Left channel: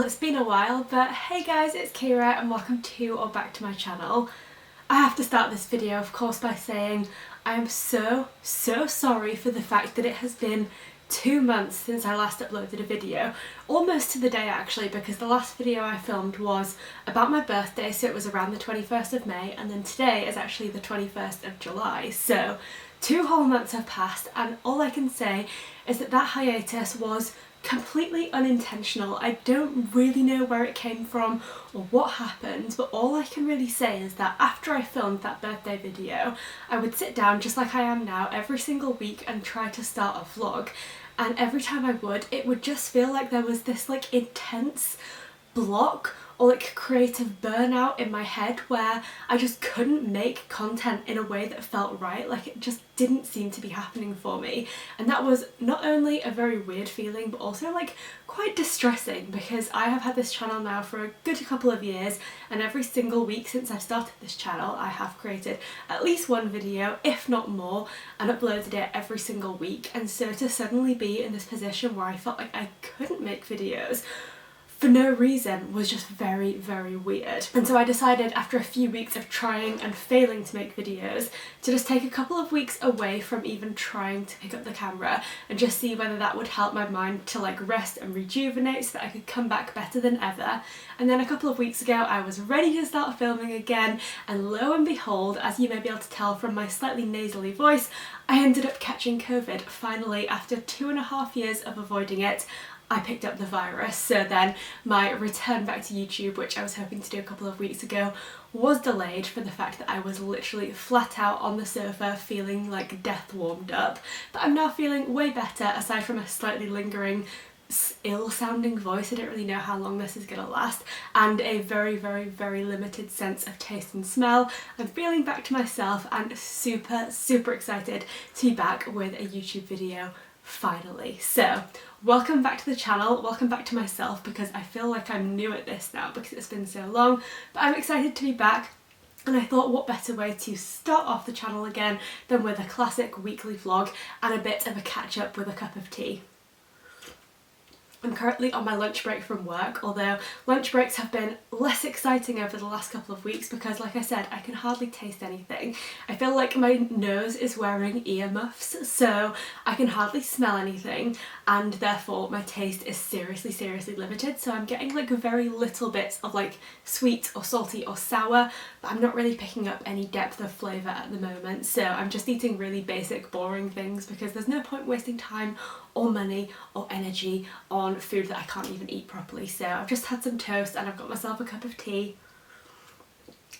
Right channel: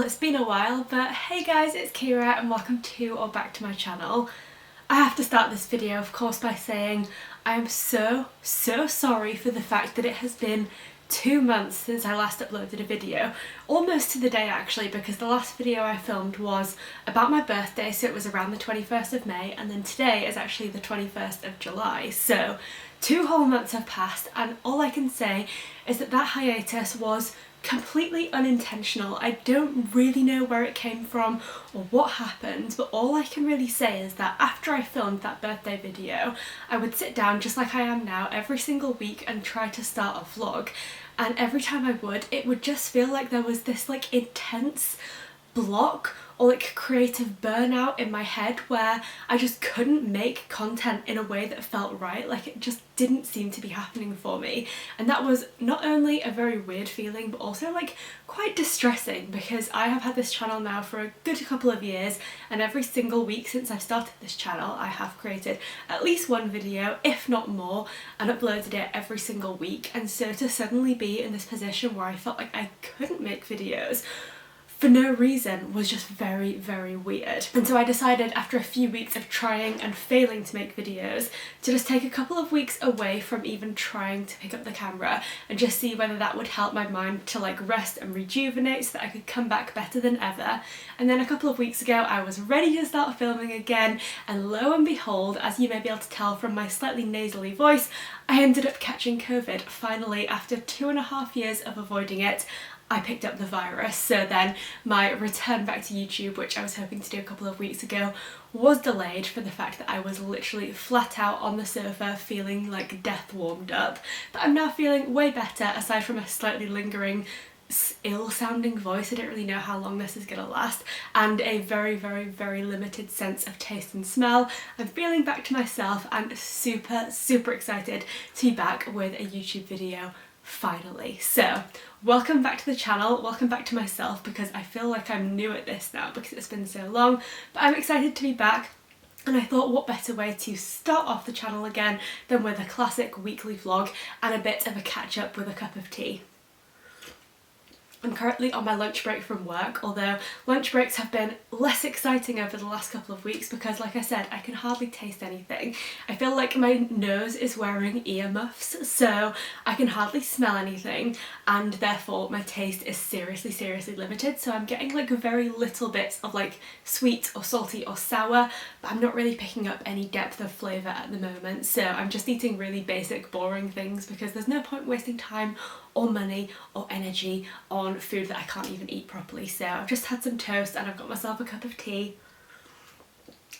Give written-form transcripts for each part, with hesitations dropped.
Well, it's been a while, but hey guys, it's Kira and welcome to or back to my channel. I have to start this video, of course, by saying I am so sorry for the fact that it has been 2 months since I last uploaded a video. Almost to the day actually, because the last video I filmed was about my birthday, so it was around the 21st of May, and then today is actually the 21st of July. So 2 whole months have passed, and all I can say is that that hiatus was completely unintentional. I don't really know where it came from or what happened, but all I can really say is that after I filmed that birthday video, I would sit down just like I am now every single week and try to start a vlog, and every time I would, it would just feel like there was this like intense block or like creative burnout in my head where I just couldn't make content in a way that felt right. Like it just didn't seem to be happening for me, and that was not only a very weird feeling but also like quite distressing, because I have had this channel now for a good couple of years, and every single week since I've started this channel I have created at least one video, if not more, and uploaded it every single week. And so to suddenly be in this position where I felt like I couldn't make videos for no reason was just very weird. And so I decided, after a few weeks of trying and failing to make videos, to just take a couple of weeks away from even trying to pick up the camera and just see whether that would help my mind to like rest and rejuvenate so that I could come back better than ever. And then a couple of weeks ago I was ready to start filming again, and lo and behold, as you may be able to tell from my slightly nasally voice, I ended up catching COVID. Finally, after 2.5 years of avoiding it, I picked up the virus. So then my return back to YouTube, which I was hoping to do a couple of weeks ago, was delayed for the fact that I was literally flat out on the sofa feeling like death warmed up. But I'm now feeling way better, aside from a slightly lingering ill-sounding voice. I don't really know how long this is gonna last, and a very limited sense of taste and smell. I'm feeling back to myself and super excited to be back with a YouTube video finally. So welcome back to the channel, welcome back to myself, because I feel like I'm new at this now because it's been so long, but I'm excited to be back. And I thought, what better way to start off the channel again than with a classic weekly vlog and a bit of a catch up with a cup of tea. I'm currently on my lunch break from work, although lunch breaks have been less exciting over the last couple of weeks because, like I said, I can hardly taste anything. I feel like my nose is wearing earmuffs, so I can hardly smell anything, and therefore my taste is seriously limited. So I'm getting like very little bits of like sweet or salty or sour, but I'm not really picking up any depth of flavour at the moment. So I'm just eating really basic, boring things because there's no point wasting time or money or energy on food that I can't even eat properly. So I've just had some toast and I've got myself a cup of tea,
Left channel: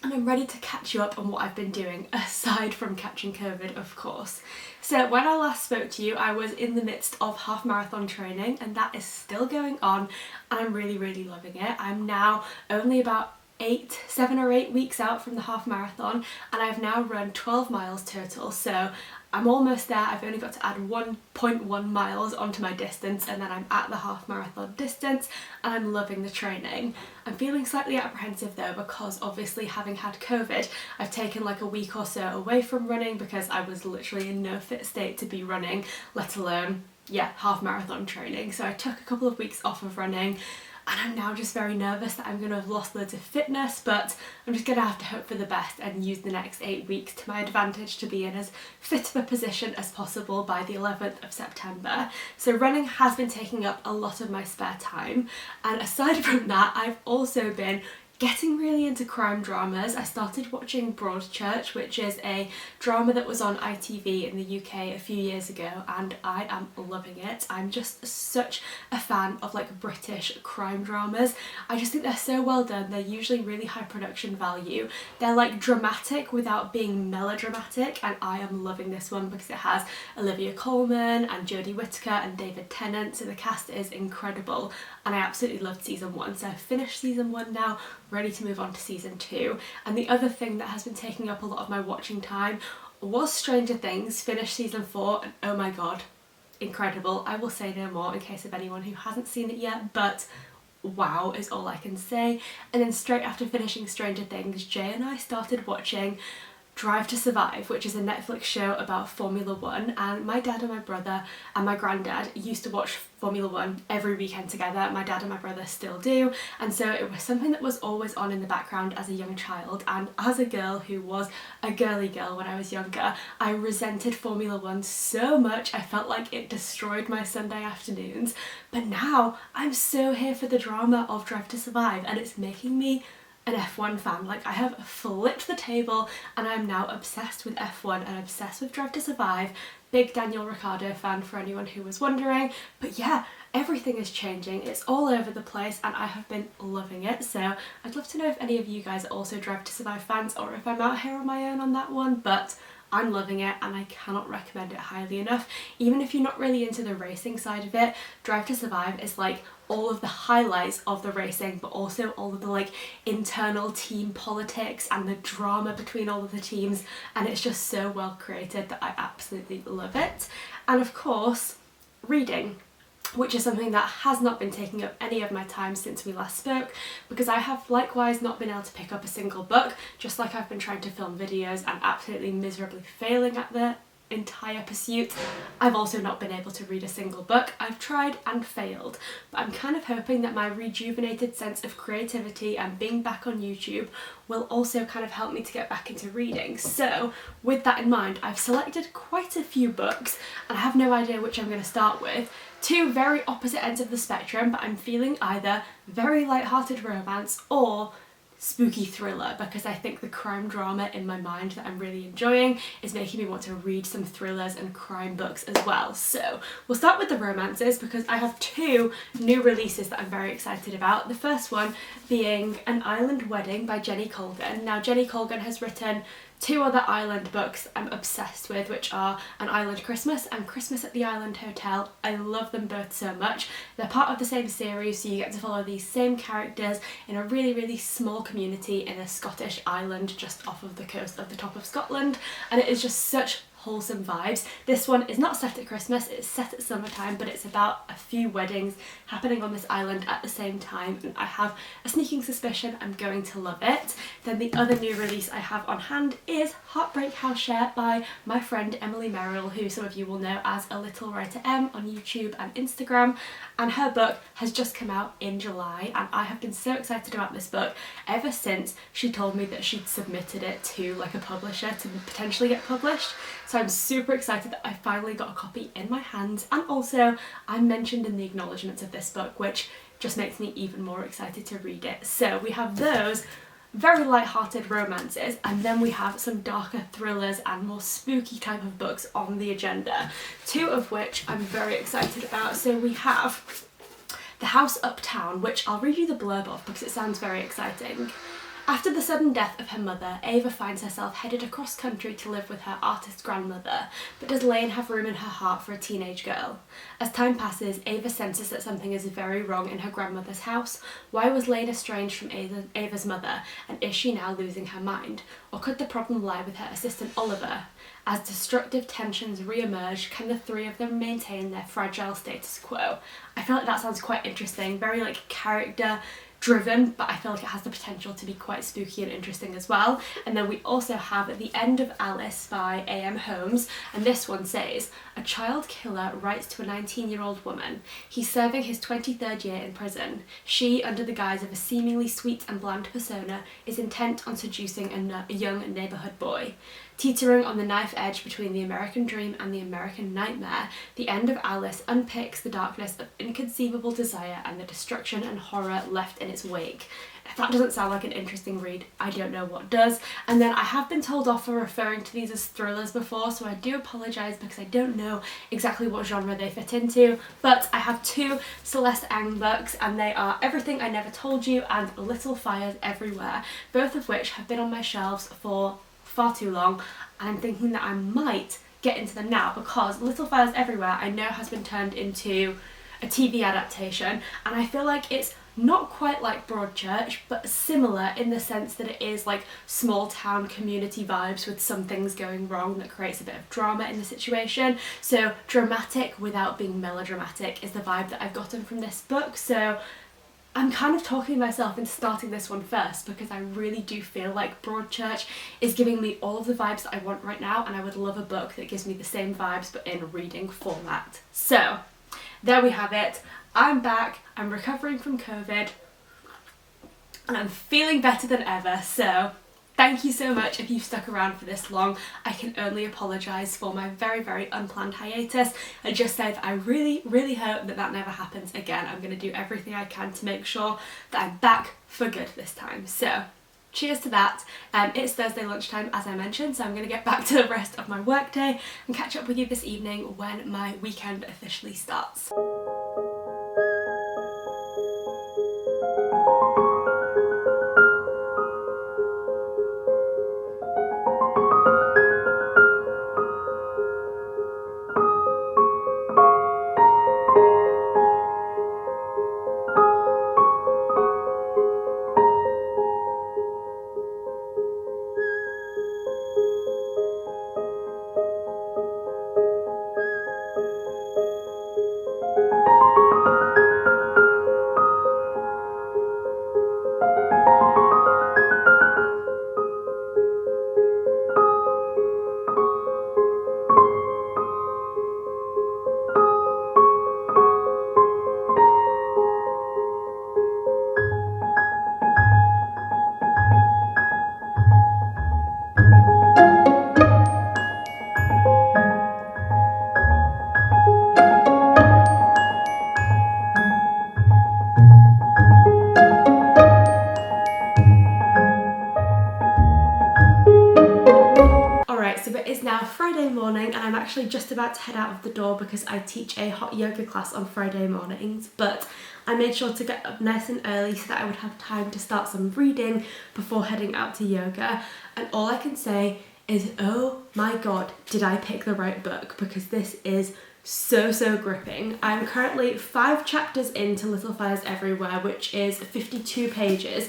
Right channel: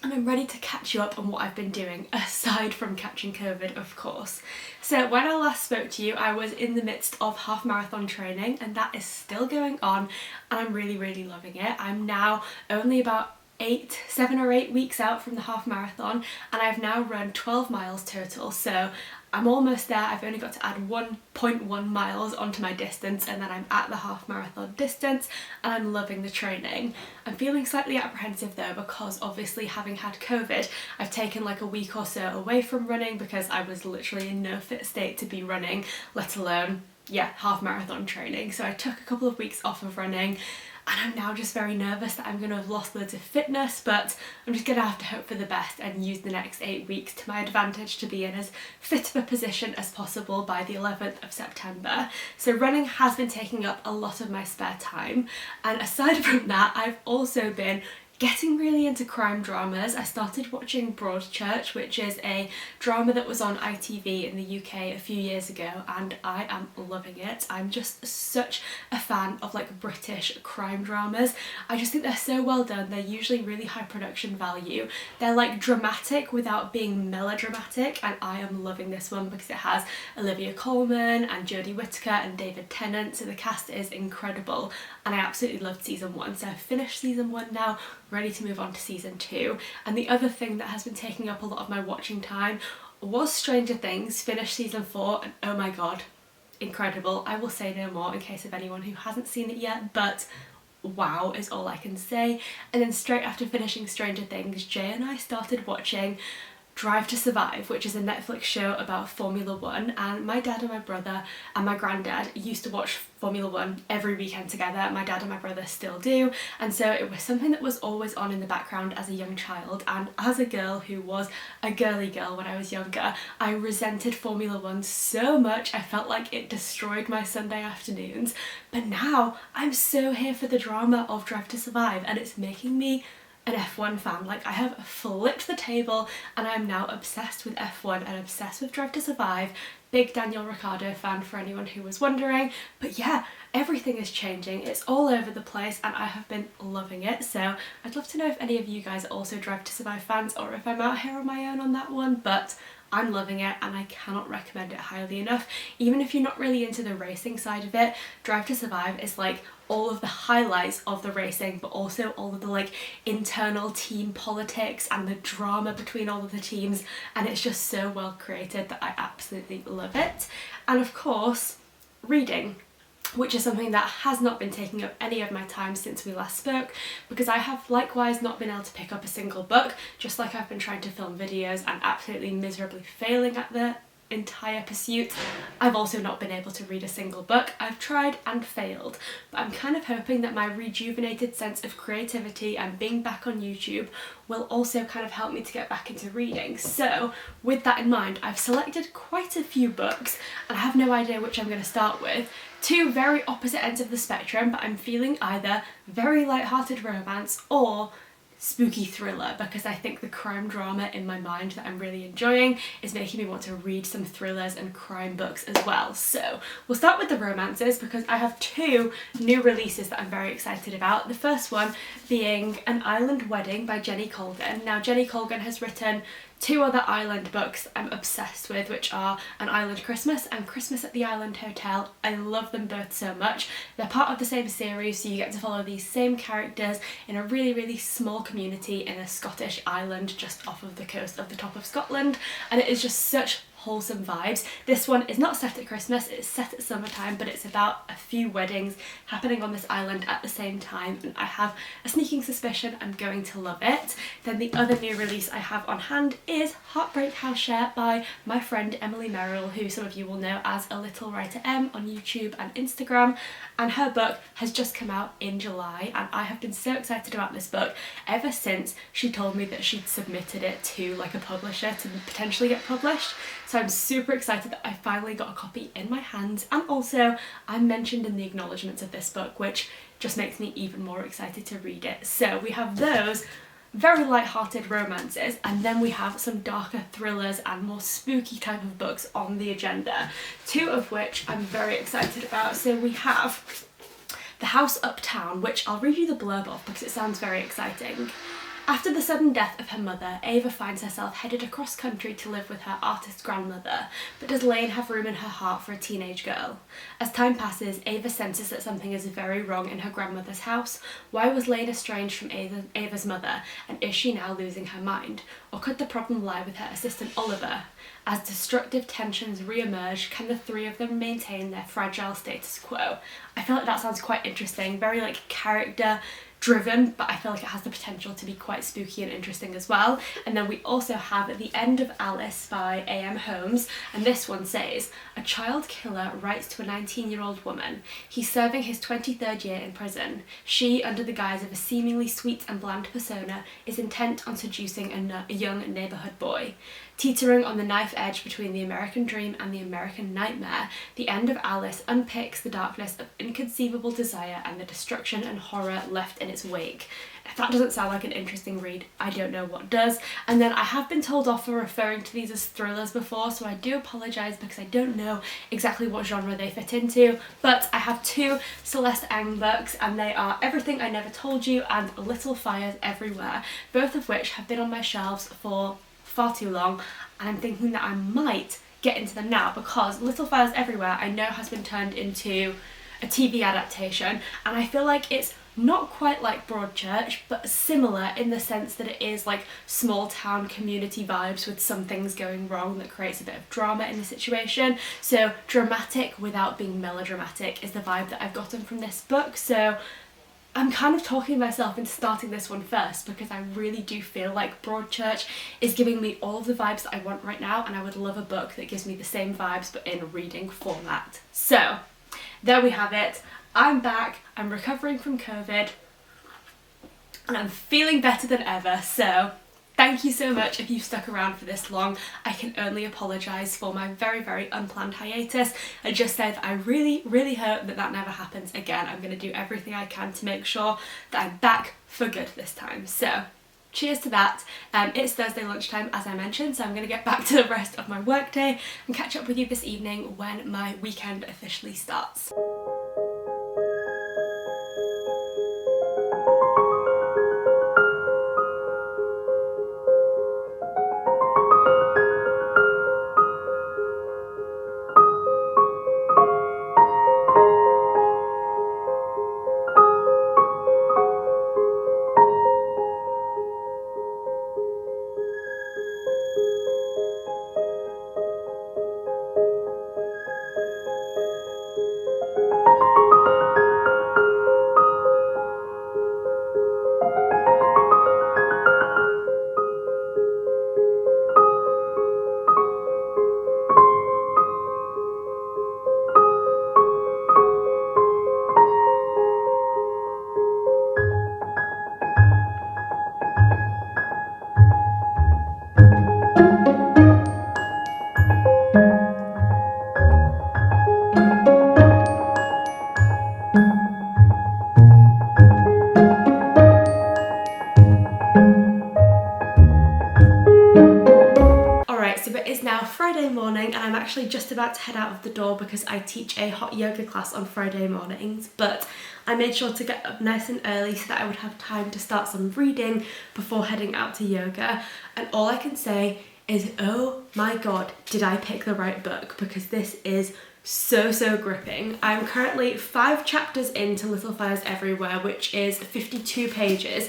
and I'm ready to catch you up on what I've been doing, aside from catching COVID, of course. So when I last spoke to you, I was in the midst of half marathon training, and that is still going on, and I'm really loving it. I'm now only about 7 or 8 weeks out from the half marathon, and I've now run 12 miles total, so I'm almost there. I've only got to add 1.1 miles onto my distance, and then I'm at the half marathon distance, and I'm loving the training. I'm feeling slightly apprehensive though, because obviously, having had COVID, I've taken like a week or so away from running because I was literally in no fit state to be running, let alone, half marathon training. So I took a couple of weeks off of running, and I'm now just very nervous that I'm going to have lost loads of fitness, but I'm just going to have to hope for the best and use the next 8 weeks to my advantage to be in as fit of a position as possible by the 11th of September. So running has been taking up a lot of my spare time, and aside from that, I've also been getting really into crime dramas. I started watching Broadchurch, which is a drama that was on ITV in the UK a few years ago, and I am loving it. I'm just such a fan of like British crime dramas. I just think they're so well done. They're usually really high production value. They're like dramatic without being melodramatic, and I am loving this one because it has Olivia Colman and Jodie Whittaker and David Tennant, so the cast is incredible, and I absolutely loved season 1. So I've finished season 1 now, ready to move on to season 2. And the other thing that has been taking up a lot of my watching time was Stranger Things. Finished season 4, and oh my god, incredible. I will say no more in case of anyone who hasn't seen it yet, but wow is all I can say. And then straight after finishing Stranger Things, Jay and I started watching Drive to Survive, which is a Netflix show about Formula One, and my dad and my brother and my granddad used to watch Formula One every weekend together. My dad and my brother still do, and so it was something that was always on in the background as a young child, and as a girl who was a girly girl when I was younger, I resented Formula One so much. I felt like it destroyed my Sunday afternoons, but now I'm so here for the drama of Drive to Survive, and it's making me an F1 fan. Like, I have flipped the table and I'm now obsessed with F1 and obsessed with Drive to Survive. Big Daniel Ricciardo fan for anyone who was wondering. But yeah, everything is changing. It's all over the place and I have been loving it. So I'd love to know if any of you guys are also Drive to Survive fans or if I'm out here on my own on that one, but I'm loving it and I cannot recommend it highly enough. Even if you're not really into the racing side of it, Drive to Survive is like all of the highlights of the racing, but also all of the like internal team politics and the drama between all of the teams, and it's just so well created that I absolutely love it. And of course, reading, which is something that has not been taking up any of my time since we last spoke, because I have likewise not been able to pick up a single book, just like I've been trying to film videos and absolutely miserably failing at the entire pursuit. I've also not been able to read a single book. I've tried and failed, but I'm kind of hoping that my rejuvenated sense of creativity and being back on YouTube will also kind of help me to get back into reading. So with that in mind, I've selected quite a few books and I have no idea which I'm going to start with. Two very opposite ends of the spectrum, but I'm feeling either very light-hearted romance or spooky thriller, because I think the crime drama in my mind that I'm really enjoying is making me want to read some thrillers and crime books as well. So we'll start with the romances because I have two new releases that I'm very excited about. The first one being An Island Wedding by Jenny Colgan. Now, Jenny Colgan has written two other island books I'm obsessed with, which are An Island Christmas and Christmas at the Island Hotel. I love them both so much. They're part of the same series, so you get to follow these same characters in a really, really small community in a Scottish island just off of the coast of the top of Scotland, and it is just such wholesome vibes. This one is not set at Christmas, it's set at summertime, but it's about a few weddings happening on this island at the same time, and I have a sneaking suspicion I'm going to love it. Then the other new release I have on hand is Heartbreak House Share by my friend Emily Merrill, who some of you will know as A Little Writer M on YouTube and Instagram, and her book has just come out in July, and I have been so excited about this book ever since she told me that she'd submitted it to like a publisher to potentially get published. So I'm super excited that I finally got a copy in my hands, and also I'm mentioned in the acknowledgements of this book, which just makes me even more excited to read it. So we have those very light-hearted romances, and then we have some darker thrillers and more spooky type of books on the agenda, two of which I'm very excited about. So we have The House Uptown, which I'll read you the blurb of because it sounds very exciting. After the sudden death of her mother, Ava finds herself headed across country to live with her artist grandmother, but does Lane have room in her heart for a teenage girl? As time passes, Ava senses that something is very wrong in her grandmother's house. Why was Lane estranged from Ava's mother, and is she now losing her mind? Or could the problem lie with her assistant Oliver? As destructive tensions re-emerge, can the three of them maintain their fragile status quo? I feel like that sounds quite interesting, very like character driven, but I feel like it has the potential to be quite spooky and interesting as well. And then we also have The End of Alice by A.M. Holmes, and this one says, a child killer writes to a 19-year-old woman. He's serving his 23rd year in prison. She, under the guise of a seemingly sweet and bland persona, is intent on seducing a young neighbourhood boy. Teetering on the knife edge between the American dream and the American nightmare, The End of Alice unpicks the darkness of inconceivable desire and the destruction and horror left in its wake. If that doesn't sound like an interesting read, I don't know what does. And then I have been told off for referring to these as thrillers before, so I do apologise because I don't know exactly what genre they fit into, but I have two Celeste Ng books, and they are Everything I Never Told You and Little Fires Everywhere, both of which have been on my shelves for far too long, and I'm thinking that I might get into them now because Little Fires Everywhere I know has been turned into a TV adaptation, and I feel like it's not quite like Broadchurch, but similar in the sense that it is like small town community vibes with some things going wrong that creates a bit of drama in the situation. So dramatic without being melodramatic is the vibe that I've gotten from this book. So I'm kind of talking myself into starting this one first because I really do feel like Broadchurch is giving me all of the vibes that I want right now, and I would love a book that gives me the same vibes but in reading format. So there we have it. I'm back, I'm recovering from COVID, and I'm feeling better than ever, so thank you so much if you've stuck around for this long. I can only apologise for my very, very unplanned hiatus and just say that I really, really hope that that never happens again. I'm going to do everything I can to make sure that I'm back for good this time. So cheers to that. It's Thursday lunchtime, as I mentioned, so I'm going to get back to the rest of my workday and catch up with you this evening when my weekend officially starts. So it is now Friday morning and I'm actually just about to head out of the door because I teach a hot yoga class on Friday mornings, but I made sure to get up nice and early so that I would have time to start some reading before heading out to yoga, and all I can say is, oh my god, did I pick the right book, because this is so gripping. I'm currently 5 chapters into Little Fires Everywhere, which is 52 pages.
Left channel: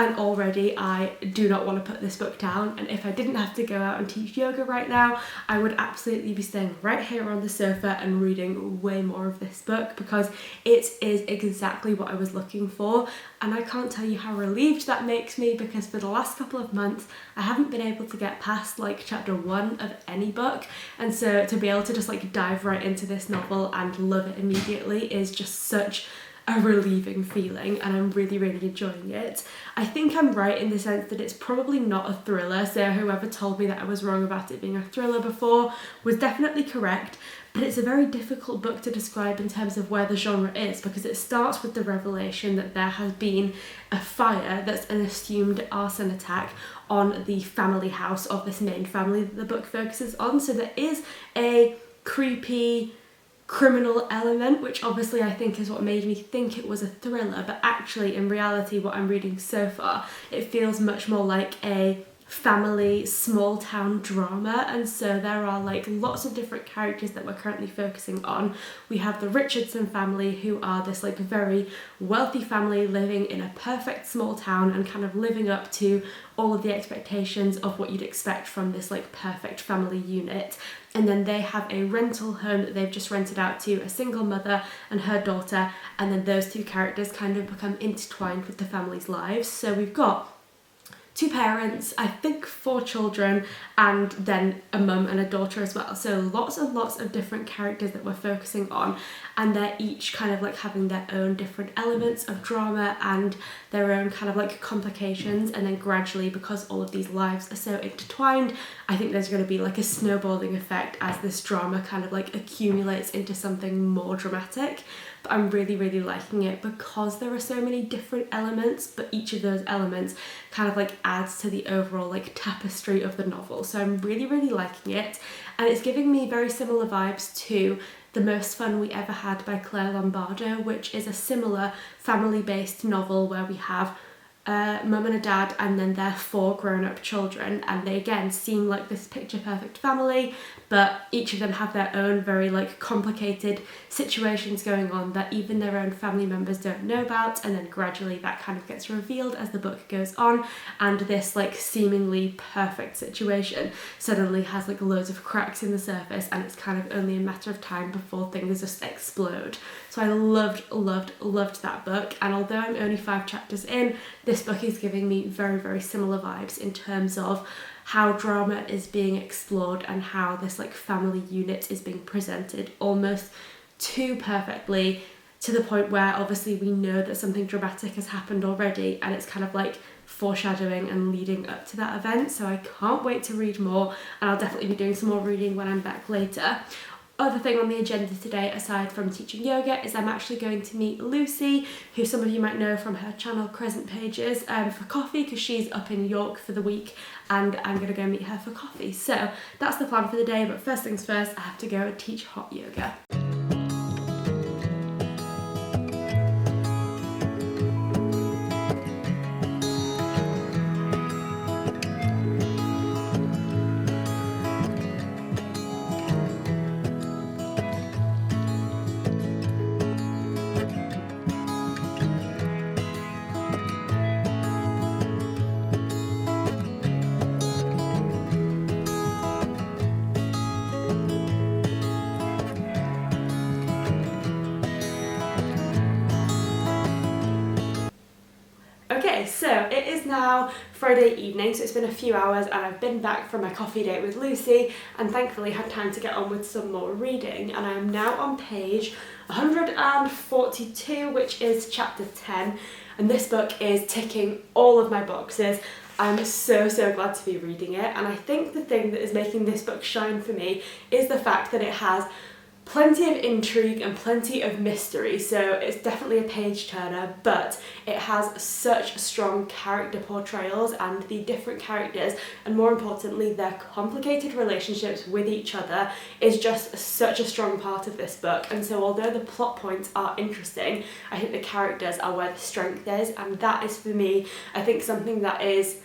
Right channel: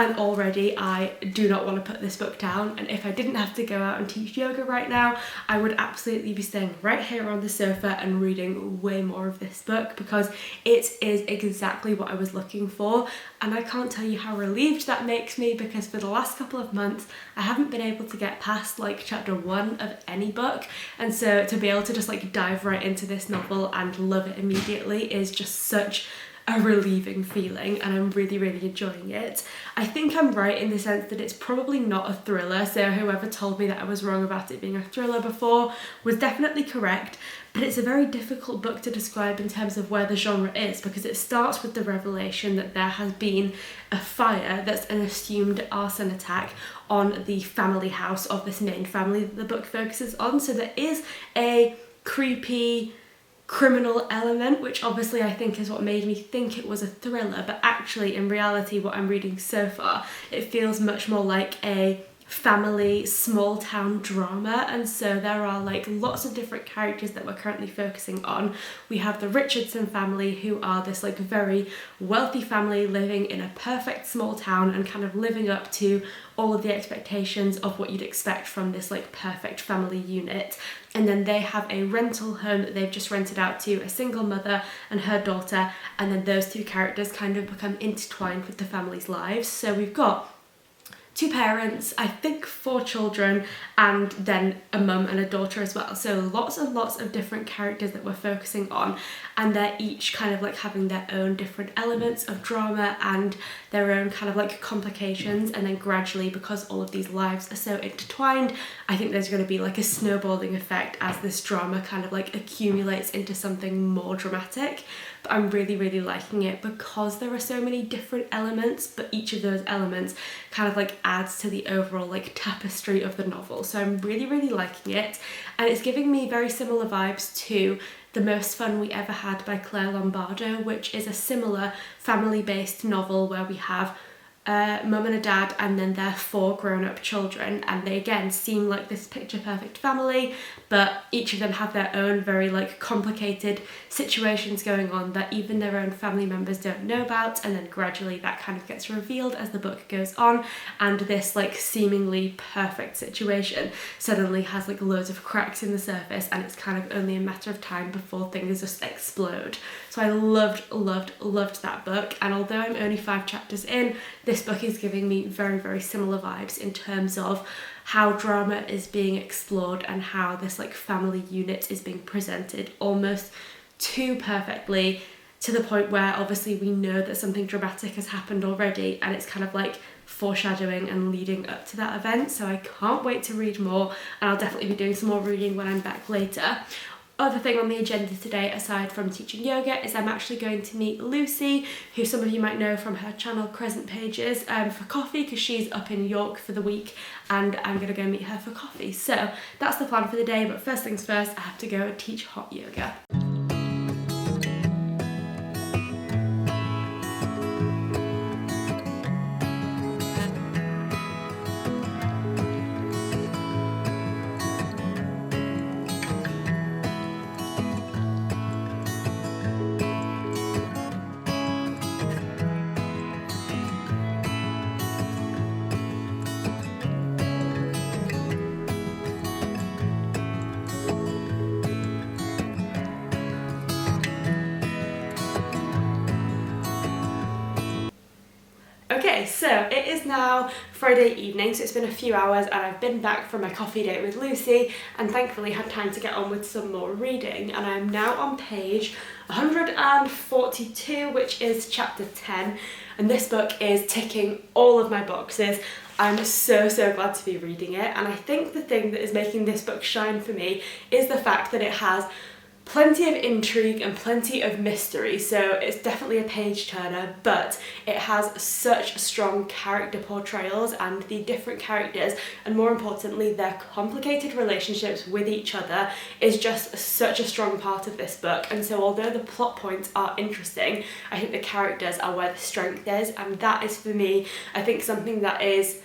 And already I do not want to put this book down, and if I didn't have to go out and teach yoga right now, I would absolutely be staying right here on the sofa and reading way more of this book, because it is exactly what I was looking for. And I can't tell you how relieved that makes me, because for the last couple of months I haven't been able to get past like chapter 1 of any book, and so to be able to just like dive right into this novel and love it immediately is just such a relieving feeling, and I'm really enjoying it. I think I'm right in the sense that it's probably not a thriller, so whoever told me that I was wrong about it being a thriller before was definitely correct, but it's a very difficult book to describe in terms of where the genre is, because it starts with the revelation that there has been a fire that's an assumed arson attack on the family house of this main family that the book focuses on. So there is a creepy criminal element, which obviously I think is what made me think it was a thriller, but actually in reality what I'm reading so far, it feels much more like a family small town drama. And so there are like lots of different characters that we're currently focusing on. We have the Richardson family, who are this like very wealthy family living in a perfect small town and kind of living up to all of the expectations of what you'd expect from this like perfect family unit. And then they have a rental home that they've just rented out to a single mother and her daughter, and then those two characters kind of become intertwined with the family's lives. So we've got 2 parents, I think 4 children, and then a mum and a daughter as well. So lots and lots of different characters that we're focusing on, and they're each kind of like having their own different elements of drama and their own kind of like complications. And then gradually, because all of these lives are so intertwined, I think there's going to be like a snowballing effect as this drama kind of like accumulates into something more dramatic. But I'm really liking it because there are so many different elements, but each of those elements kind of like adds to the overall like tapestry of the novel. So I'm really liking it, and it's giving me very similar vibes to The Most Fun We Ever Had by Claire Lombardo, which is a similar family-based novel where we have mum and a dad and then their 4 grown-up children, and they again seem like this picture perfect family, but each of them have their own very like complicated situations going on that even their own family members don't know about, and then gradually that kind of gets revealed as the book goes on, and this like seemingly perfect situation suddenly has like loads of cracks in the surface, and it's kind of only a matter of time before things just explode. So I loved that book, and although I'm only 5 chapters in, this book is giving me very similar vibes in terms of how drama is being explored and how this like family unit is being presented almost too perfectly, to the point where obviously we know that something dramatic has happened already, and it's kind of like foreshadowing and leading up to that event. So I can't wait to read more, and I'll definitely be doing some more reading when I'm back later. Other thing on the agenda today, aside from teaching yoga, is I'm actually going to meet Lucy, who some of you might know from her channel Crescent Pages, for coffee, because she's up in York for the week, and I'm going to go meet her for coffee. So that's the plan for the day, but first things first, I have to go and teach hot yoga. Okay, so it is now Friday evening, so it's been a few hours and I've been back from my coffee date with Lucy and thankfully had time to get on with some more reading, and I'm now on page 142, which is chapter 10, and this book is ticking all of my boxes. I'm so glad to be reading it, and I think the thing that is making this book shine for me is the fact that it has plenty of intrigue and plenty of mystery. So it's definitely a page turner, but it has such strong character portrayals, and the different characters, and more importantly their complicated relationships with each other, is just such a strong part of this book. And so although the plot points are interesting, I think the characters are where the strength is, and that is for me, I think, something that is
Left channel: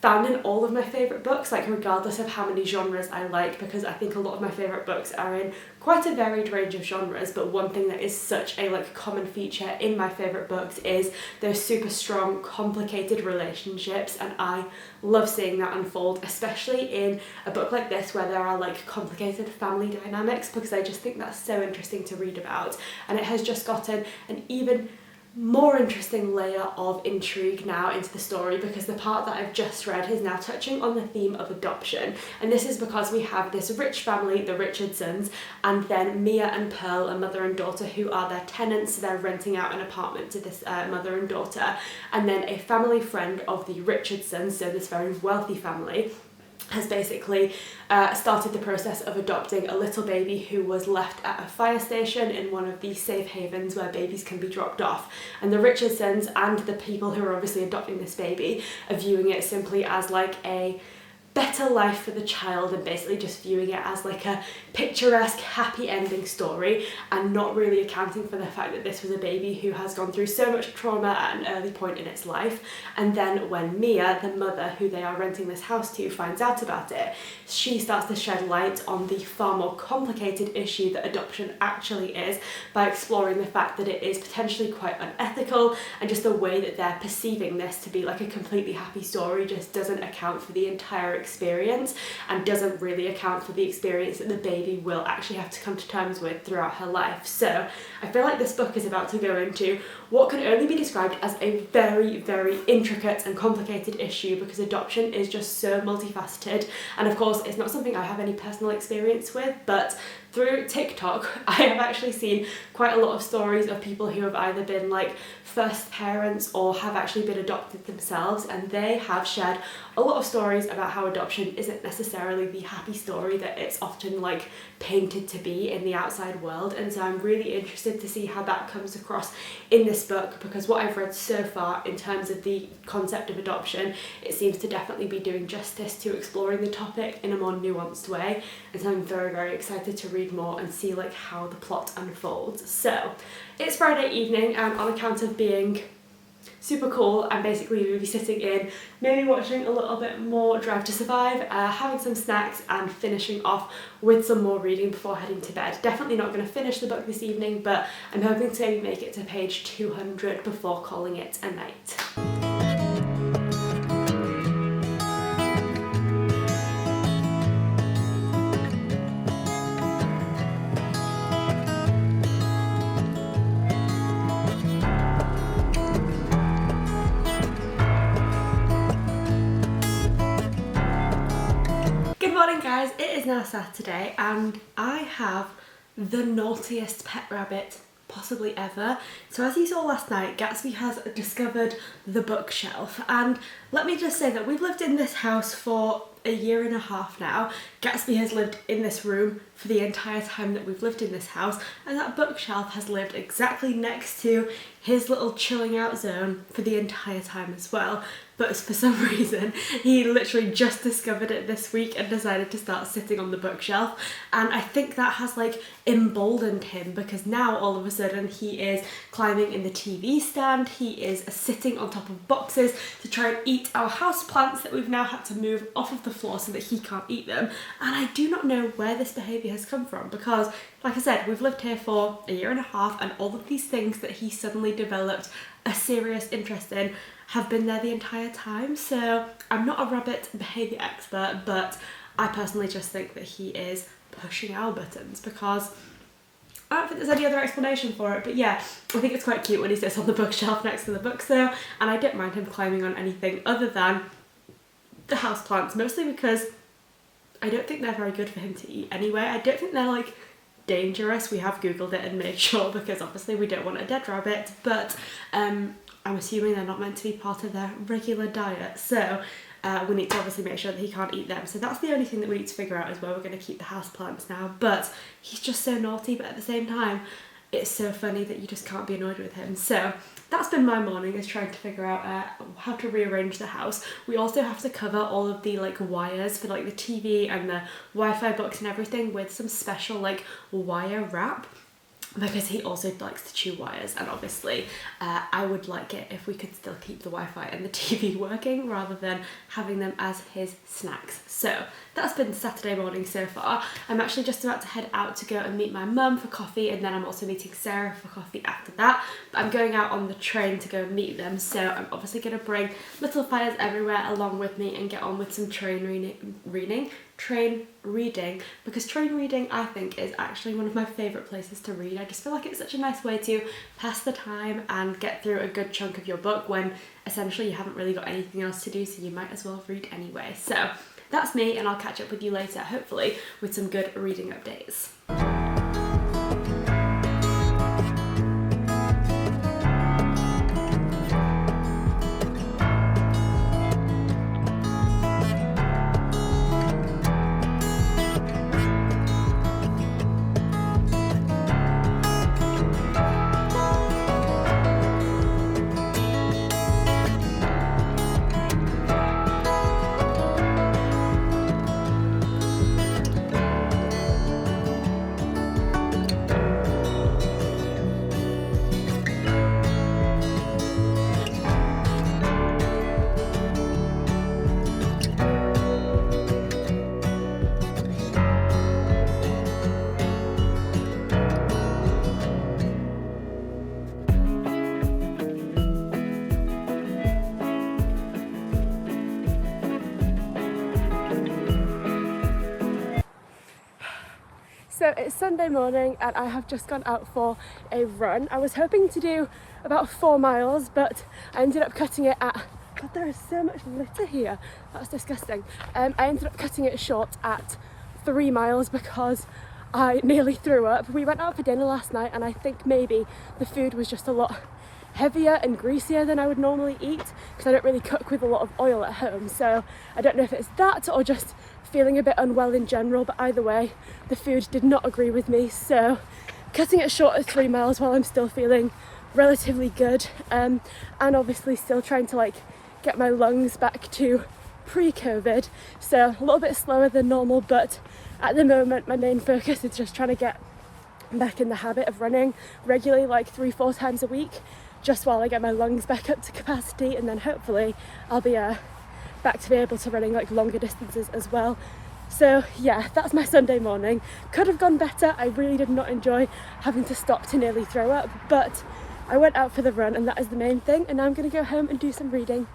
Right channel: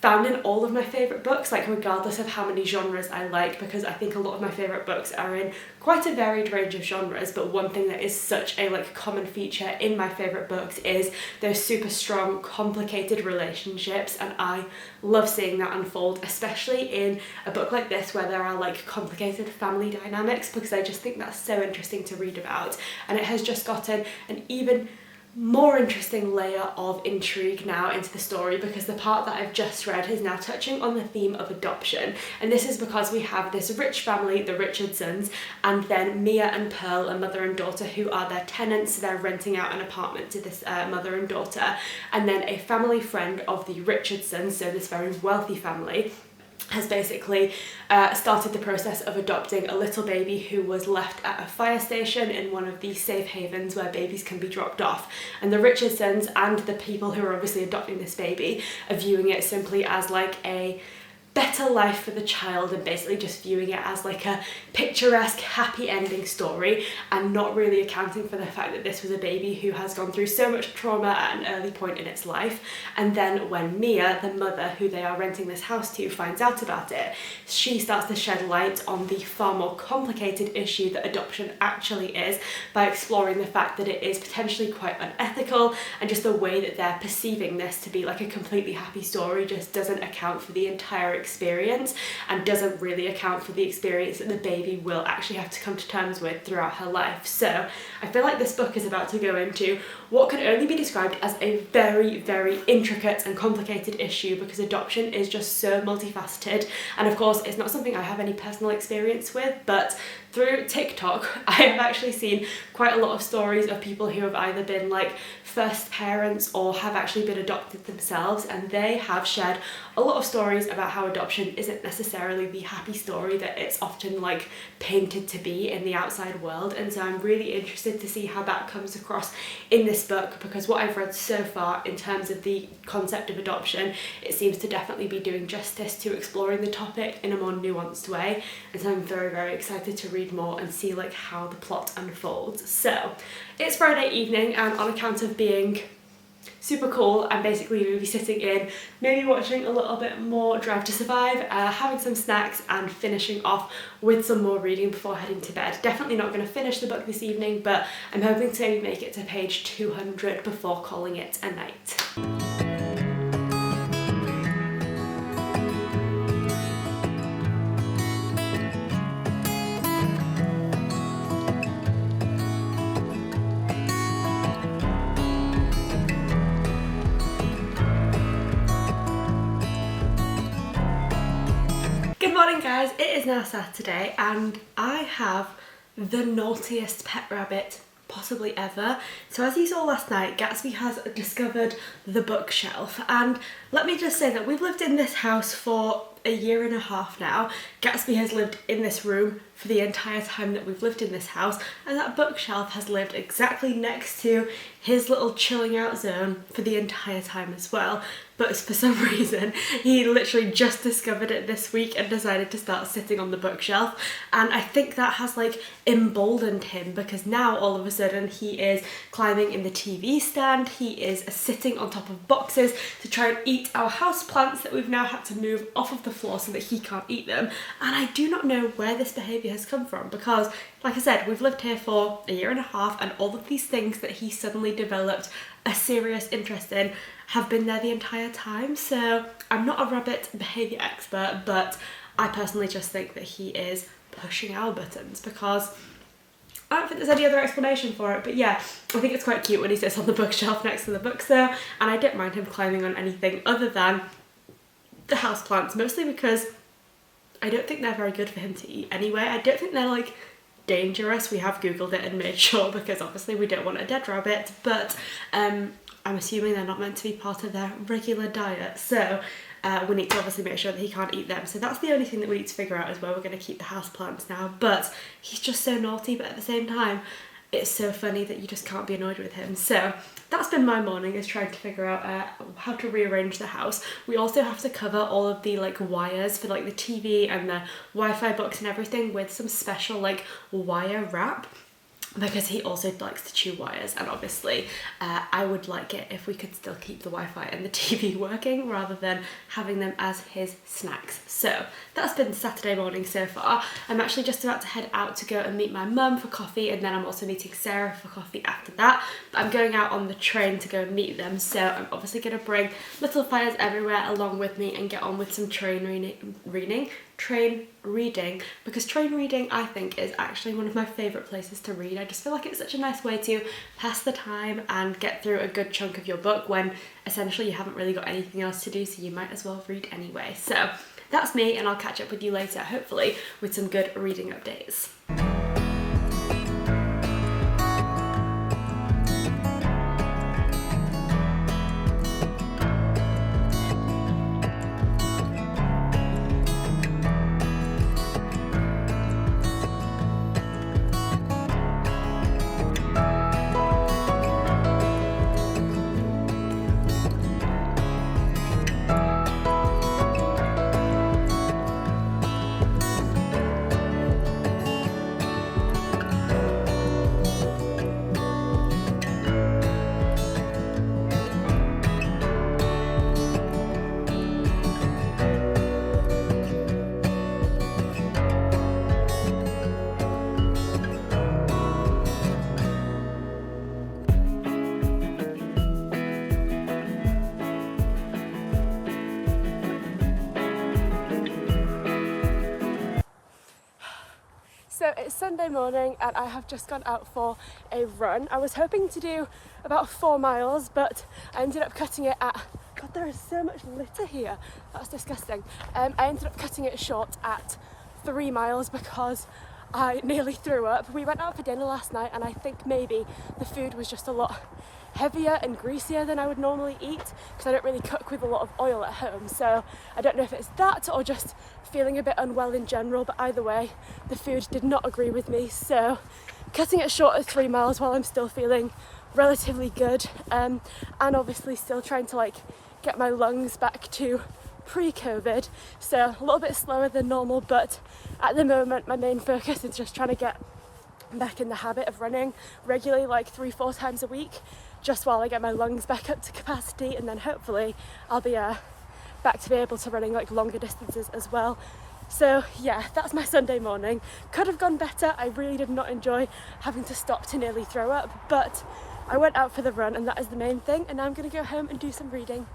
found in all of my favourite books, like regardless of how many genres I like, because I think a lot of my favourite books are in quite a varied range of genres, but one thing that is such a like common feature in my favourite books is those super strong, complicated relationships, and I love seeing that unfold, especially in a book like this where there are like complicated family dynamics, because I just think that's so interesting to read about, and it has just gotten an even more interesting layer of intrigue now into the story, because the part that I've just read is now touching on the theme of adoption, and this is because we have this rich family, the Richardsons, and then Mia and Pearl, a mother and daughter, who are their tenants. So they're renting out an apartment to this mother and daughter, and then a family friend of the Richardsons, so this very wealthy family, has basically started the process of adopting a little baby who was left at a fire station in one of the safe havens where babies can be dropped off. And the Richardsons and the people who are obviously adopting this baby are viewing it simply as like a better life for the child, and basically just viewing it as like a picturesque happy ending story, and not really accounting for the fact that this was a baby who has gone through so much trauma at an early point in its life. And then when Mia, the mother who they are renting this house to, finds out about it, she starts to shed light on the far more complicated issue that adoption actually is, by exploring the fact that it is potentially quite unethical, and just the way that they're perceiving this to be like a completely happy story just doesn't account for the entire experience, and doesn't really account for the experience that the baby will actually have to come to terms with throughout her life. So I feel like this book is about to go into what can only be described as a very intricate and complicated issue, because adoption is just so multifaceted, and of course it's not something I have any personal experience with, but through TikTok I have actually seen quite a lot of stories of people who have either been like first parents or have actually been adopted themselves, and they have shared a lot of stories about how adoption isn't necessarily the happy story that it's often like painted to be in the outside world. And so I'm really interested to see how that comes across in this book, because what I've read so far in terms of the concept of adoption, it seems to definitely be doing justice to exploring the topic in a more nuanced way, and so I'm very excited to read more and see like how the plot unfolds. So it's Friday evening, and on account of being super cool. I'm basically going to be sitting in, maybe watching a little bit more Drive to Survive, having some snacks and finishing off with some more reading before heading to bed. Definitely not going to finish the book this evening, but I'm hoping to maybe make it to page 200 before calling it a night. Good morning guys, it is now Saturday and I have the naughtiest pet rabbit possibly ever. So as you saw last night, Gatsby has discovered the bookshelf, and let me just say that we've lived in this house for a year and a half now. Gatsby has lived in this room for the entire time that we've lived in this house, and that bookshelf has lived exactly next to his little chilling out zone for the entire time as well. But for some reason, he literally just discovered it this week and decided to start sitting on the bookshelf. And I think that has like emboldened him, because now all of a sudden he is climbing in the TV stand, he is sitting on top of boxes to try and eat our houseplants that we've now had to move off of the floor so that he can't eat them. And I do not know where this behaviour has come from, because like I said, we've lived here for a year and a half and all of these things that he suddenly developed a serious interest in have been there the entire time. So I'm not a rabbit behaviour expert, but I personally just think that he is pushing our buttons, because I don't think there's any other explanation for it. But yeah, I think it's quite cute when he sits on the bookshelf next to the books though, and I don't mind him climbing on anything other than the houseplants, mostly because I don't think they're very good for him to eat anyway. I don't think they're like dangerous. We have googled it and made sure, because obviously we don't want a dead rabbit, but I'm assuming they're not meant to be part of their regular diet, so we need to obviously make sure that he can't eat them. So that's the only thing that we need to figure out, is where we're going to keep the houseplants now. But he's just so naughty, but at the same time it's so funny that you just can't be annoyed with him. So that's been my morning, is trying to figure out how to rearrange the house. We also have to cover all of the like wires for like the TV and the Wi-Fi box and everything with some special like wire wrap, because he also likes to chew wires, and obviously I would like it if we could still keep the Wi-Fi and the TV working rather than having them as his snacks. So that's been Saturday morning so far. I'm actually just about to head out to go and meet my mum for coffee, and then I'm also meeting Sarah for coffee after that. But I'm going out on the train to go and meet them, so I'm obviously going to bring little fires everywhere along with me and get on with some train reading, because train reading I think is actually one of my favourite places to read. I just feel like it's such a nice way to pass the time and get through a good chunk of your book when essentially you haven't really got anything else to do, so you might as well read anyway. So that's me, and I'll catch up with you later, hopefully with some good reading updates. So it's Sunday morning and I have just gone out for a run. I was hoping to do about 4 miles, but I ended up cutting it at, God, there is so much litter here, that's disgusting. I ended up cutting it short at 3 miles because I nearly threw up. We went out for dinner last night and I think maybe the food was just a lot heavier and greasier than I would normally eat, because I don't really cook with a lot of oil at home, so I don't know if it's that or just feeling a bit unwell in general, but either way the food did not agree with me, so cutting it short at 3 miles while I'm still feeling relatively good, and obviously still trying to like get my lungs back to pre-COVID, so a little bit slower than normal, but at the moment my main focus is just trying to get back in the habit of running regularly, like 3-4 times a week, just while I get my lungs back up to capacity, and then hopefully I'll be back to be able to running like longer distances as well. So yeah, that's my Sunday morning. Could have gone better. I really did not enjoy having to stop to nearly throw up, but I went out for the run and that is the main thing, and now I'm going to go home and do some reading.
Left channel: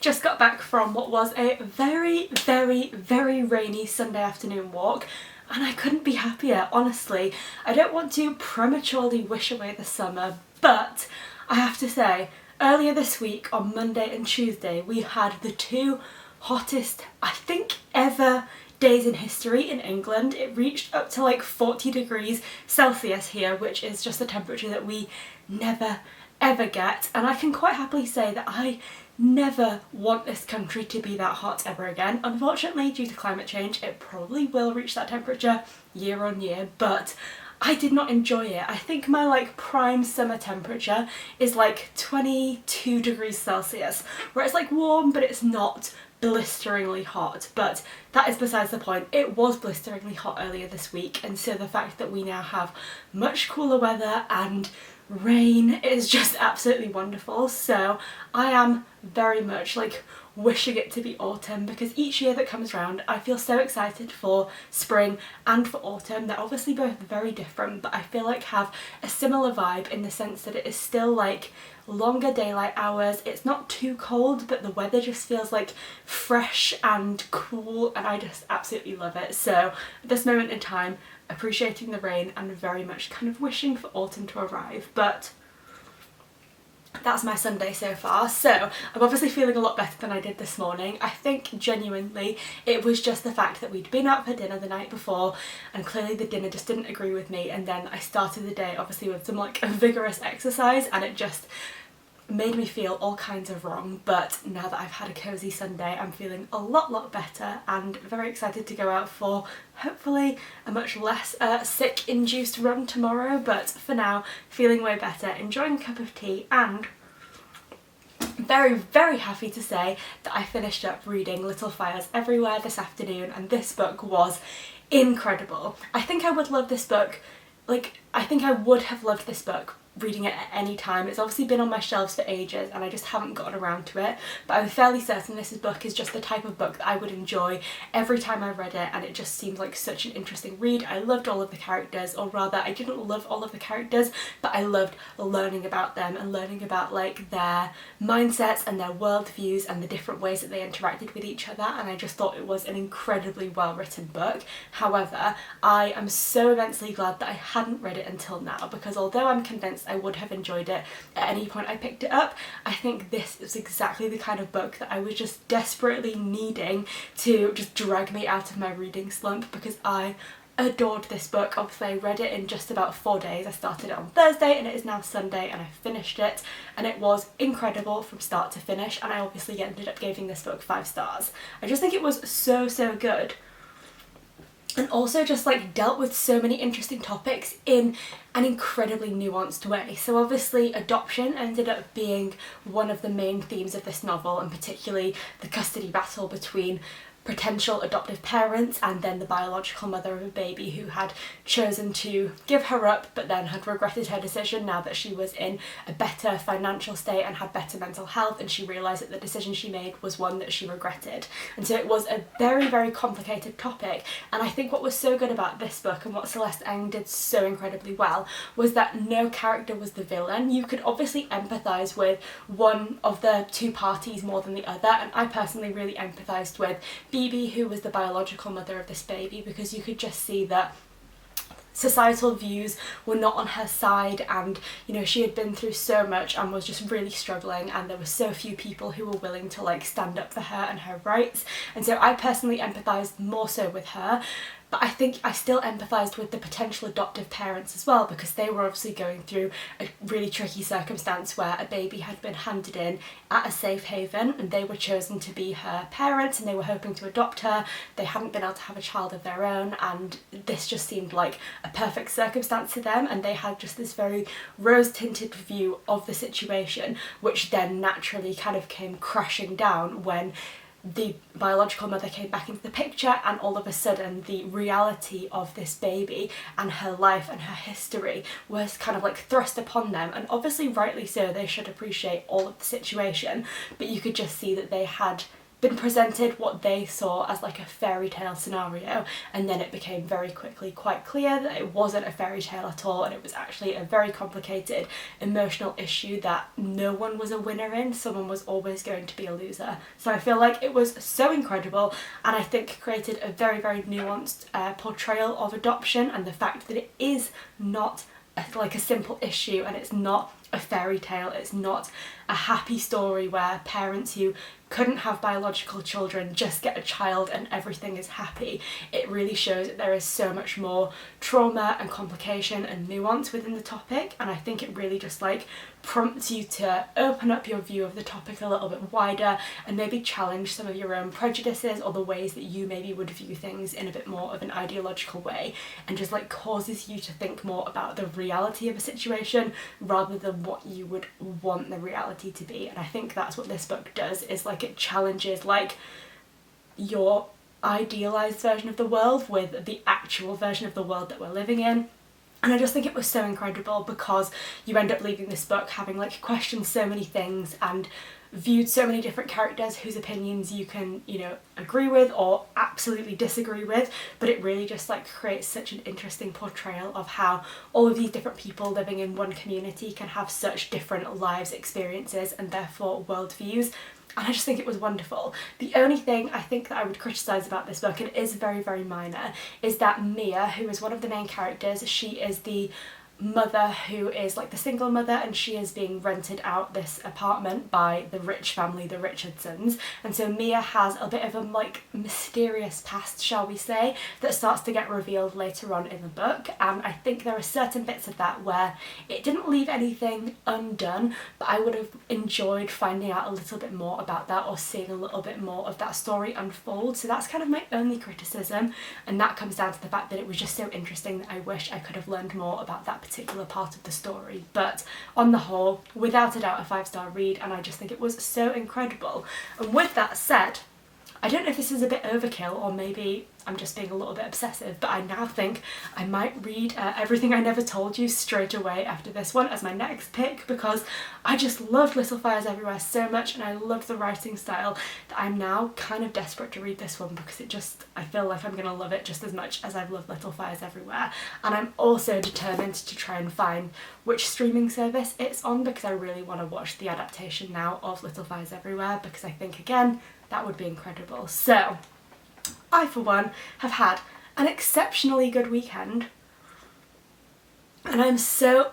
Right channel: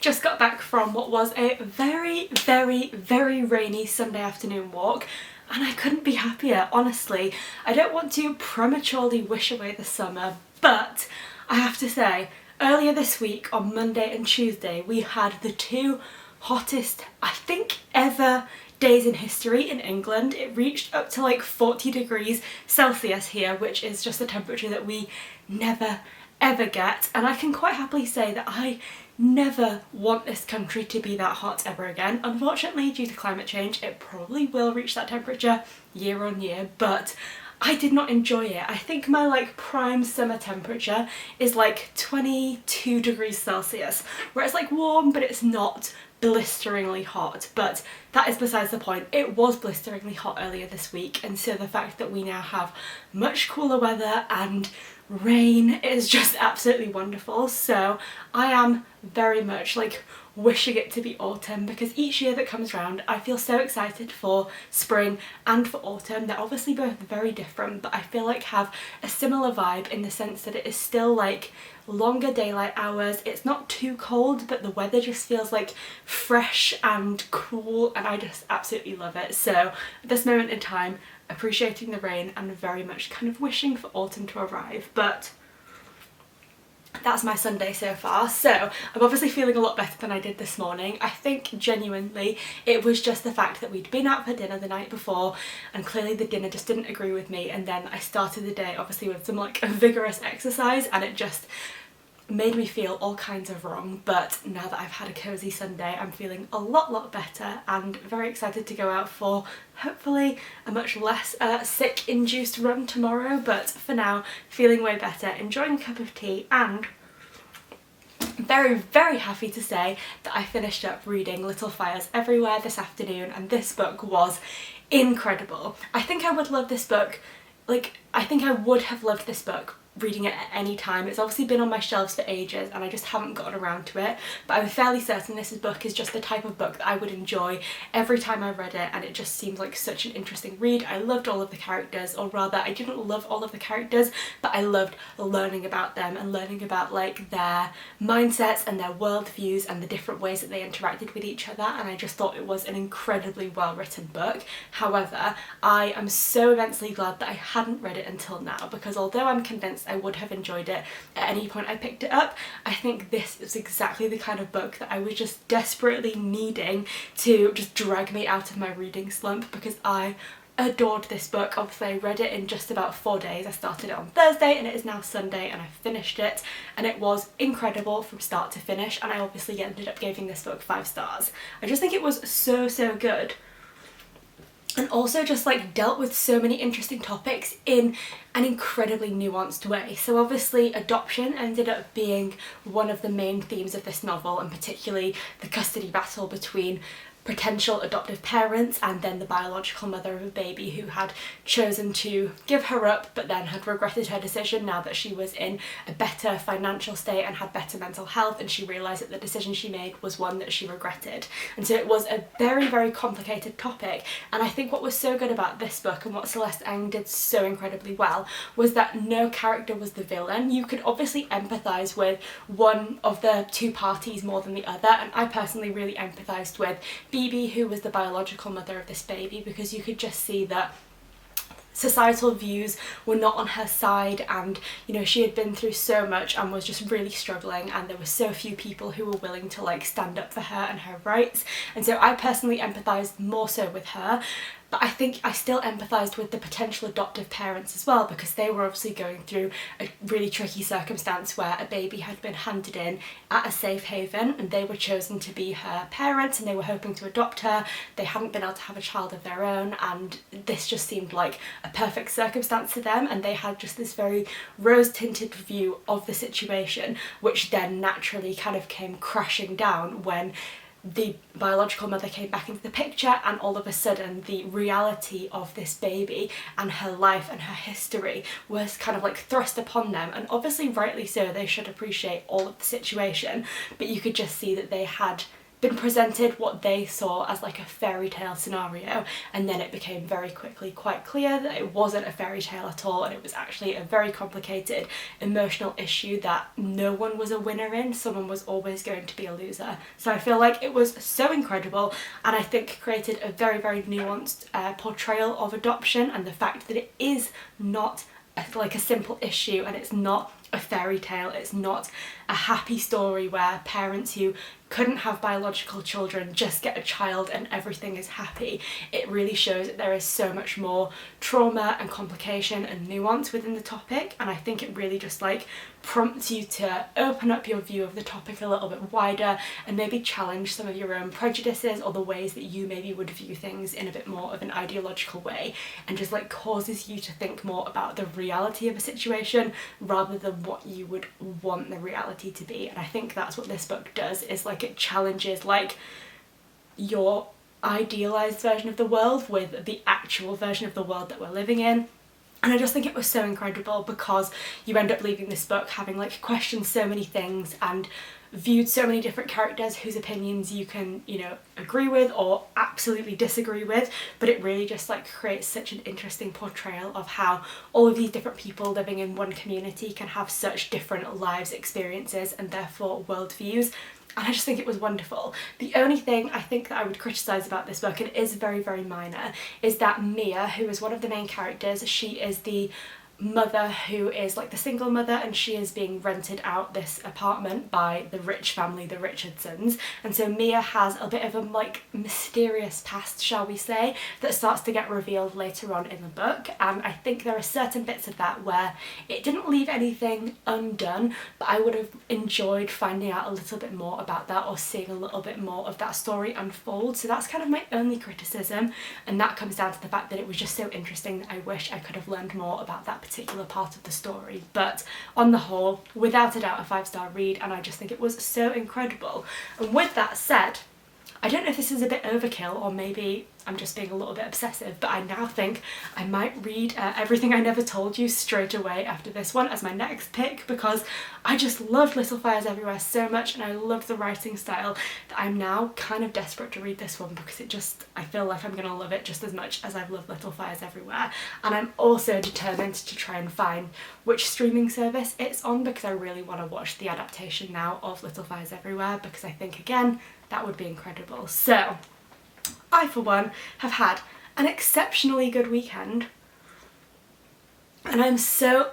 Just got back from what was a very, very, very rainy Sunday afternoon walk, and I couldn't be happier, honestly. I don't want to prematurely wish away the summer, but I have to say, earlier this week on Monday and Tuesday, we had the two hottest, I think, ever days in history in England. It reached up to like 40 degrees Celsius here, which is just a temperature that we never ever get, and I can quite happily say that I never want this country to be that hot ever again. Unfortunately, due to climate change, it probably will reach that temperature year on year, but I did not enjoy it. I think my like prime summer temperature is like 22 degrees Celsius, where it's like warm, but it's not blisteringly hot. But that is besides the point. It was blisteringly hot earlier this week, and so the fact that we now have much cooler weather and rain is just absolutely wonderful. So I am very much like wishing it to be autumn, because each year that comes round I feel so excited for spring and for autumn. They're obviously both very different, but I feel like have a similar vibe in the sense that it is still like longer daylight hours. It's not too cold, but the weather just feels like fresh and cool, and I just absolutely love it. So at this moment in time, appreciating the rain and very much kind of wishing for autumn to arrive. But that's my Sunday so far. So I'm obviously feeling a lot better than I did this morning. I think genuinely it was just the fact that we'd been out for dinner the night before, and clearly the dinner just didn't agree with me, and then I started the day obviously with some like vigorous exercise, and it just made me feel all kinds of wrong. But now that I've had a cozy Sunday, I'm feeling a lot better and very excited to go out for hopefully a much less sick induced run tomorrow. But for now, feeling way better, enjoying a cup of tea, and very happy to say that I finished up reading Little Fires Everywhere this afternoon, and this book was incredible. I think I would love this book, like I think I would have loved this book reading it at any time. It's obviously been on my shelves for ages and I just haven't gotten around to it, but I'm fairly certain this book is just the type of book that I would enjoy every time I read it, and it just seems like such an interesting read. I loved all of the characters, or rather I didn't love all of the characters, but I loved learning about them and learning about like their mindsets and their worldviews and the different ways that they interacted with each other, and I just thought it was an incredibly well written book. However, I am so immensely glad that I hadn't read it until now, because although I'm convinced I would have enjoyed it at any point I picked it up, I think this is exactly the kind of book that I was just desperately needing to just drag me out of my reading slump, because I adored this book. Obviously I read it in just about 4 days. I started it on Thursday and it is now Sunday and I finished it, and it was incredible from start to finish, and I obviously ended up giving this book 5 stars. I just think it was so good, and also just like dealt with so many interesting topics in an incredibly nuanced way. So obviously adoption ended up being one of the main themes of this novel, and particularly the custody battle between potential adoptive parents and then the biological mother of a baby who had chosen to give her up but then had regretted her decision now that she was in a better financial state and had better mental health, and she realised that the decision she made was one that she regretted. And so it was a very complicated topic, and I think what was so good about this book and what Celeste Ng did so incredibly well was that no character was the villain. You could obviously empathise with one of the two parties more than the other, and I personally really empathised with Phoebe, who was the biological mother of this baby, because you could just see that societal views were not on her side, and you know, she had been through so much and was just really struggling, and there were so few people who were willing to like stand up for her and her rights, and so I personally empathised more so with her. But I think I still empathised with the potential adoptive parents as well, because they were obviously going through a really tricky circumstance where a baby had been handed in at a safe haven and they were chosen to be her parents and they were hoping to adopt her. They hadn't been able to have a child of their own, and this just seemed like a perfect circumstance to them, and they had just this very rose-tinted view of the situation, which then naturally kind of came crashing down when the biological mother came back into the picture, and all of a sudden the reality of this baby and her life and her history was kind of like thrust upon them, and obviously rightly so, they should appreciate all of the situation, but you could just see that they had been presented what they saw as like a fairy tale scenario, and then it became very quickly quite clear that it wasn't a fairy tale at all, and it was actually a very complicated emotional issue that no one was a winner in. Someone was always going to be a loser. So I feel like it was so incredible, and I think created a very nuanced portrayal of adoption, and the fact that it is not like a simple issue, and it's not a fairy tale, it's not a happy story where parents who couldn't have biological children just get a child and everything is happy. It really shows that there is so much more trauma and complication and nuance within the topic, and I think it really just like prompts you to open up your view of the topic a little bit wider and maybe challenge some of your own prejudices or the ways that you maybe would view things in a bit more of an ideological way, and just like causes you to think more about the reality of a situation rather than what you would want the reality to be. And I think that's what this book does, is like it challenges like your idealized version of the world with the actual version of the world that we're living in. And I just think it was so incredible, because you end up leaving this book having like questioned so many things and viewed so many different characters whose opinions you can, you know, agree with or absolutely disagree with, but it really just like creates such an interesting portrayal of how all of these different people living in one community can have such different lives, experiences, and therefore worldviews. And I just think it was wonderful. The only thing I think that I would criticise about this book, and it is very minor, is that Mia, who is one of the main characters, she is the mother who is like the single mother, and she is being rented out this apartment by the rich family, the Richardsons, and so Mia has a bit of a like mysterious past, shall we say, that starts to get revealed later on in the book. And I think there are certain bits of that where it didn't leave anything undone, but I would have enjoyed finding out a little bit more about that or seeing a little bit more of that story unfold. So that's kind of my only criticism, and that comes down to the fact that it was just so interesting that I wish I could have learned more about that particular part of the story. But on the whole, without a doubt, a 5-star read, and I just think it was so incredible. And with that said, I don't know if this is a bit overkill, or maybe I'm just being a little bit obsessive, but I now think I might read Everything I Never Told You straight away after this one as my next pick, because I just loved Little Fires Everywhere so much and I loved the writing style that I'm now kind of desperate to read this one, because I feel like I'm gonna love it just as much as I've loved Little Fires Everywhere. And I'm also determined to try and find which streaming service it's on, because I really want to watch the adaptation now of Little Fires Everywhere, because I think, again, that would be incredible. So I, for one, have had an exceptionally good weekend, and I'm so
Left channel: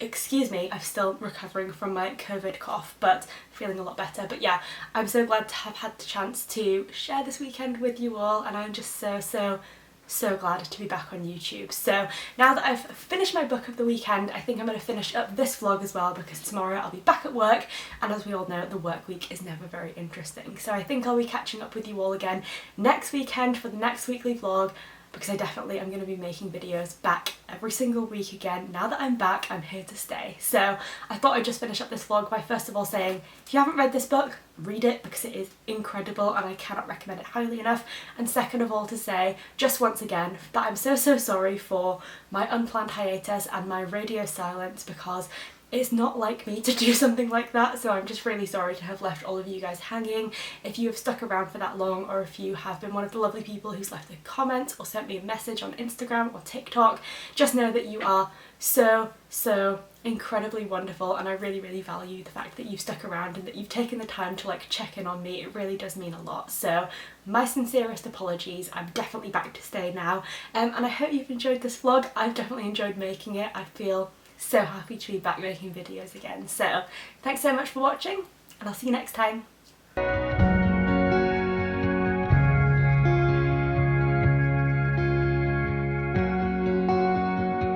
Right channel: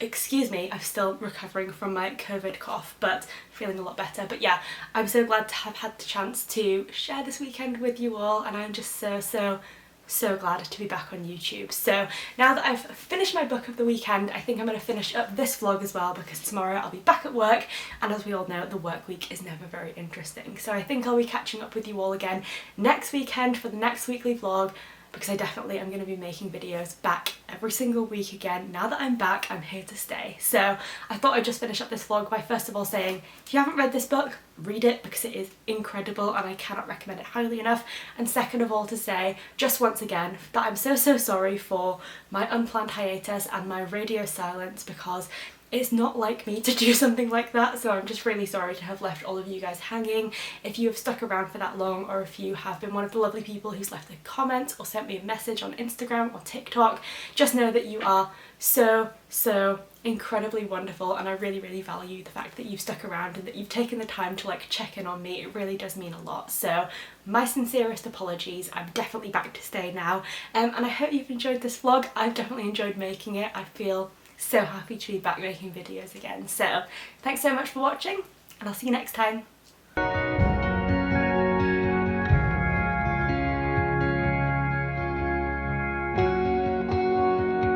excuse me, I'm still recovering from my COVID cough, but feeling a lot better. But yeah, I'm so glad to have had the chance to share this weekend with you all, and I'm just so glad to be back on YouTube. So now that I've finished my book of the weekend, I think I'm going to finish up this vlog as well, because tomorrow I'll be back at work, and as we all know, the work week is never very interesting. So I think I'll be catching up with you all again next weekend for the next weekly vlog, because I definitely am going to be making videos back every single week again. Now that I'm back, I'm here to stay. So I thought I'd just finish up this vlog by first of all saying, if you haven't read this book, read it, because it is incredible and I cannot recommend it highly enough. And second of all, to say just once again that I'm so sorry for my unplanned hiatus and my radio silence, because it's not like me to do something like that, so I'm just really sorry to have left all of you guys hanging. If you have stuck around for that long, or if you have been one of the lovely people who's left a comment or sent me a message on Instagram or TikTok, just know that you are so incredibly wonderful, and I really value the fact that you've stuck around and that you've taken the time to like check in on me. It really does mean a lot. So my sincerest apologies. I'm definitely back to stay now, and I hope you've enjoyed this vlog. I've definitely enjoyed making it. I feel so happy to be back making videos again. So thanks so much for watching, and I'll see you next time.